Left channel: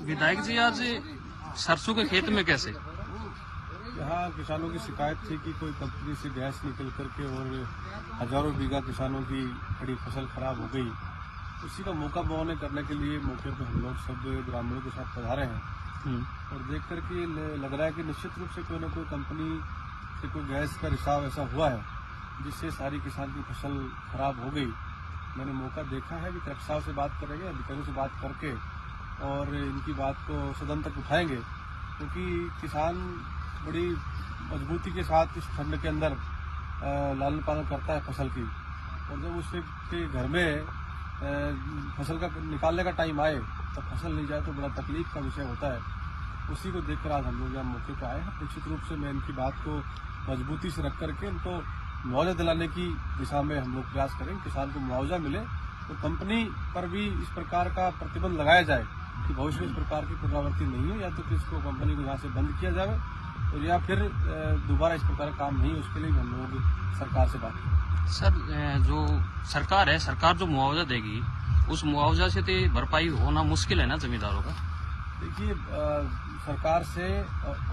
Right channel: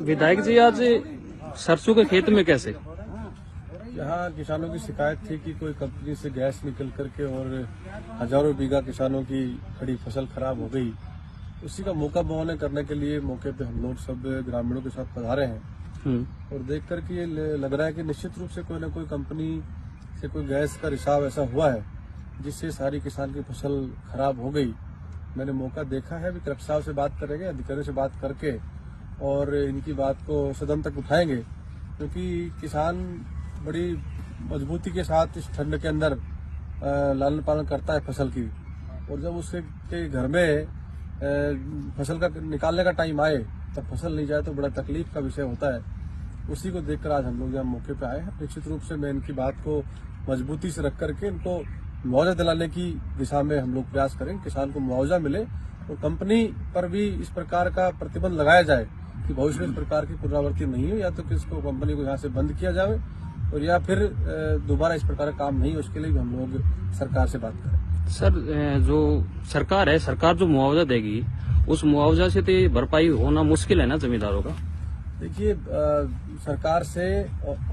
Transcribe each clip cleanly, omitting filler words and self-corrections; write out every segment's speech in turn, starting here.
विधायक जी, आज सरसों के खेत में कैसे? यहाँ किसानों की शिकायत थी कि कोई कंपनी से गैस निकल करके और हजारों बीघा किसानों की खड़ी फसल खराब हो गई। उसी का मौका बहाने करने के लिए मौके पे हम लोग सब ग्रामीणों के साथ पधारे हैं और देख करके ये लग रहा है कि निश्चित रूप से कोई न कोई कंपनी से कोई गैस का रिसाव ऐसा हुआ है जिससे सारी किसान की फसल खराब हो गई। मैंने मौका देखा है, अभी कलेक्टर साहब से बात करेंगे, अधिकारियों से बात करके और इनकी बात को सदन तक उठाएंगे, क्योंकि किसान बड़ी मजबूती के साथ इस ठंड के अंदर लालन पालन करता है फसल की, और जब उसके घर में फसल का निकालने का टाइम आए तब फसल नहीं जाए तो बड़ा तकलीफ का विषय होता है। उसी को देखकर आज हम लोग यहाँ मौके पे आए हैं। निश्चित रूप से मैं इनकी बात को मजबूती से रख करके इनको मुआवजा दिलाने की दिशा में हम लोग प्रयास करेंगे, किसान को मुआवजा मिले और कंपनी पर भी इस प्रकार का प्रतिबंध लगाया जाए कि भविष्य में इस प्रकार की पुनरावृत्ति नहीं हो, या तो किसको कंपनी को यहाँ से बंद किया जाए और या फिर दोबारा इस प्रकार का काम नहीं है, उसके लिए हम लोग सरकार से बात करें। सर, जो सरकार है, सरकार जो मुआवजा देगी उस मुआवजा से तो भरपाई होना मुश्किल है ना जमींदारों का? देखिए, सरकार से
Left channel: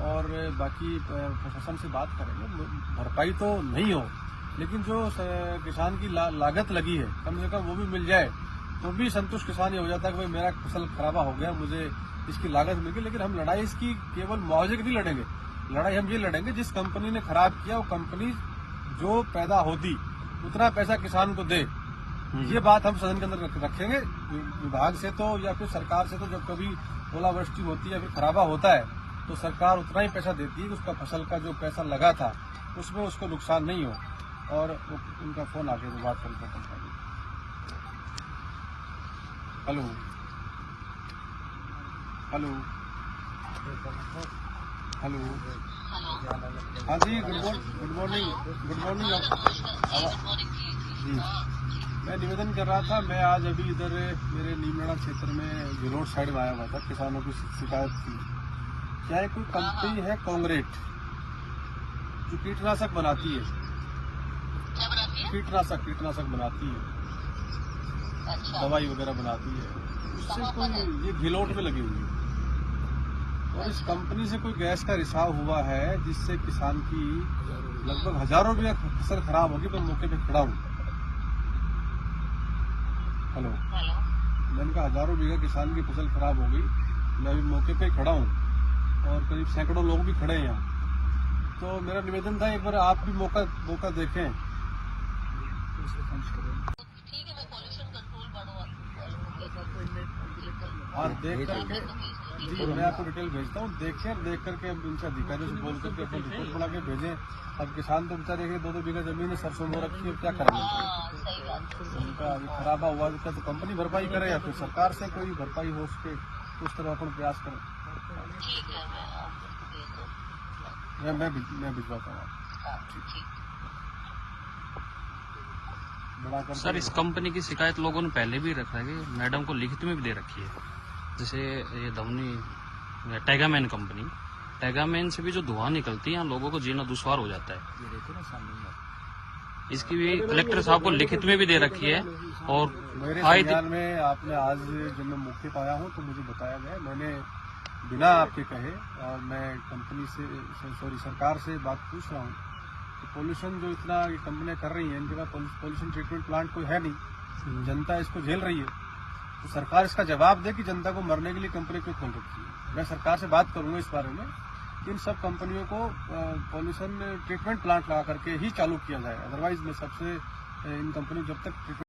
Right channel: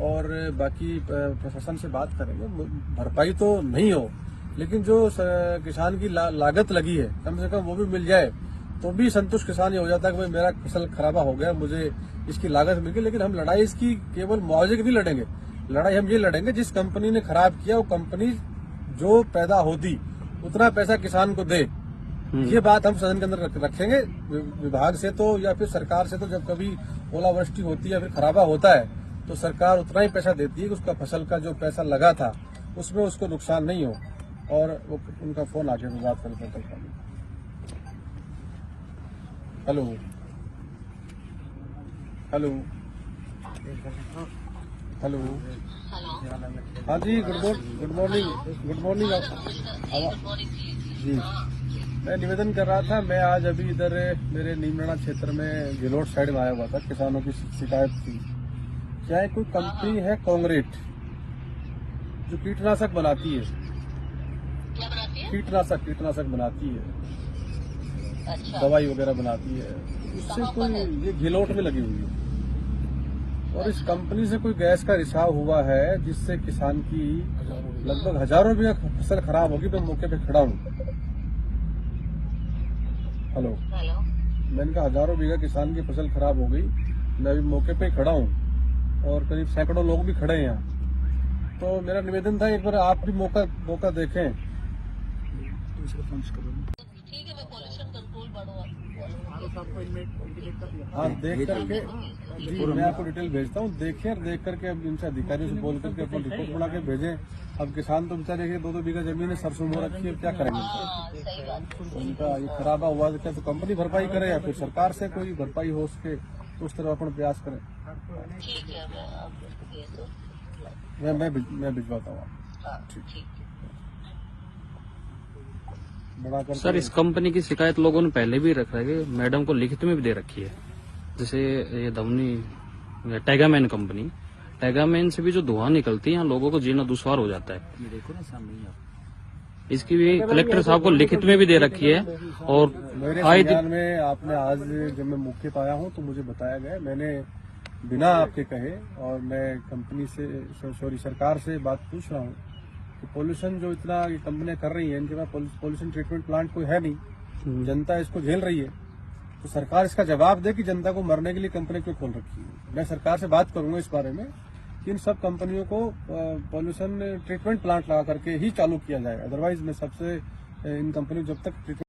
और बाकी प्रशासन से बात करेंगे, भरपाई तो नहीं हो, लेकिन जो किसान की लागत लगी है कम से कम वो भी मिल जाए तो भी संतुष्ट किसान ये हो जाता है कि भाई मेरा फसल खराबा हो गया, मुझे इसकी लागत मिल गई। लेकिन हम लड़ाई इसकी केवल मुआवजे की नहीं लड़ेंगे, लड़ाई हम ये लड़ेंगे जिस कंपनी ने खराब किया वो कंपनी जो पैदा होती उतना पैसा किसान को दे। ये बात हम सदन के अंदर रखेंगे। विभाग से तो या फिर सरकार से तो जब कभी ओलावृष्टि होती है या फिर खराबा होता है तो सरकार उतना ही पैसा देती है कि उसका फसल का जो पैसा लगा था उसमें उसको नुकसान नहीं हो। और उनका फोन आके वो बात करते हैं। हेलो हेलो हेलो, हाँ जी, गुड मॉर्निंग जी। मैं निवेदन कर रहा था, मैं आज अभी इधर मेरे नीमराणा क्षेत्र में गिलोट साइड में आया हुआ था, किसानों की शिकायत थी। क्या है, कोई कंपनी है कांग्रेट जो कीटनाशक बनाती है, कीटनाशक बनाती है, दवाई वगैरह बनाती है, उससे कोई ये गिलोट में लगी हुई है और इस कंपनी से कोई गैस का रिसाव हुआ है जिससे किसान की लगभग हजारों बीघा फसल खराब होगी। मैं मौके पे खड़ा हूँ। हेलो, मैंने कहा हजारों बीघा किसान की फसल खराब हो गई, मैं अभी मौके पे खड़ा हूँ और करीब सैकड़ों लोग भी खड़े हैं यहाँ। तो मेरा निवेदन था एक बार आप भी मौका देखें। हाँ, देख करके जी मैं आपको डिटेल भेजता हूँ, देखें और देख करके अब इनसे अधिकारियों से बोल करके अपनी रिपोर्ट बना के भेजें। अब किसान तो बेचारे 2-2 बीघा जमीन है, सरसों बो रखी है, क्या करेंगे उनका ये खराबा हुआ तो क्या तो कंपनी भरपाई करे या फिर सरकार से कोई भरपाई हो उसके, उस तरह अपन प्रयास करें। मैं भिजवाता हूँ। सर, इस कंपनी की शिकायत लोगों ने पहले भी रखा है, मैडम को लिखित में भी दे रखी है। जैसे ये धमनी टैगामैन कंपनी, टैगामैन से भी जो धुआं निकलती है यहाँ लोगों को जीना दुश्वार हो जाता है। इसकी भी कलेक्टर साहब को लिखित में भी दे रखी है। और मेरे संज्ञान में आपने आज जब मैं मौके पर आया हूँ तो मुझे बताया गया, मैंने बिना आपके कहे और मैं कंपनी से सरकार से बात पूछ रहा हूँ कि पोल्यूशन जो इतना ये कंपनियां कर रही हैं, इनके पास पोल्यूशन ट्रीटमेंट प्लांट कोई है नहीं, जनता इसको झेल रही है, तो सरकार इसका जवाब दे कि जनता को मरने के लिए कंपनी क्यों खोल रखी है। मैं सरकार से बात करूंगा इस बारे में कि इन सब कंपनियों को पोल्यूशन ट्रीटमेंट प्लांट लगा करके ही चालू किया जाए, अदरवाइज मैं सबसे इन कंपनियों जब तक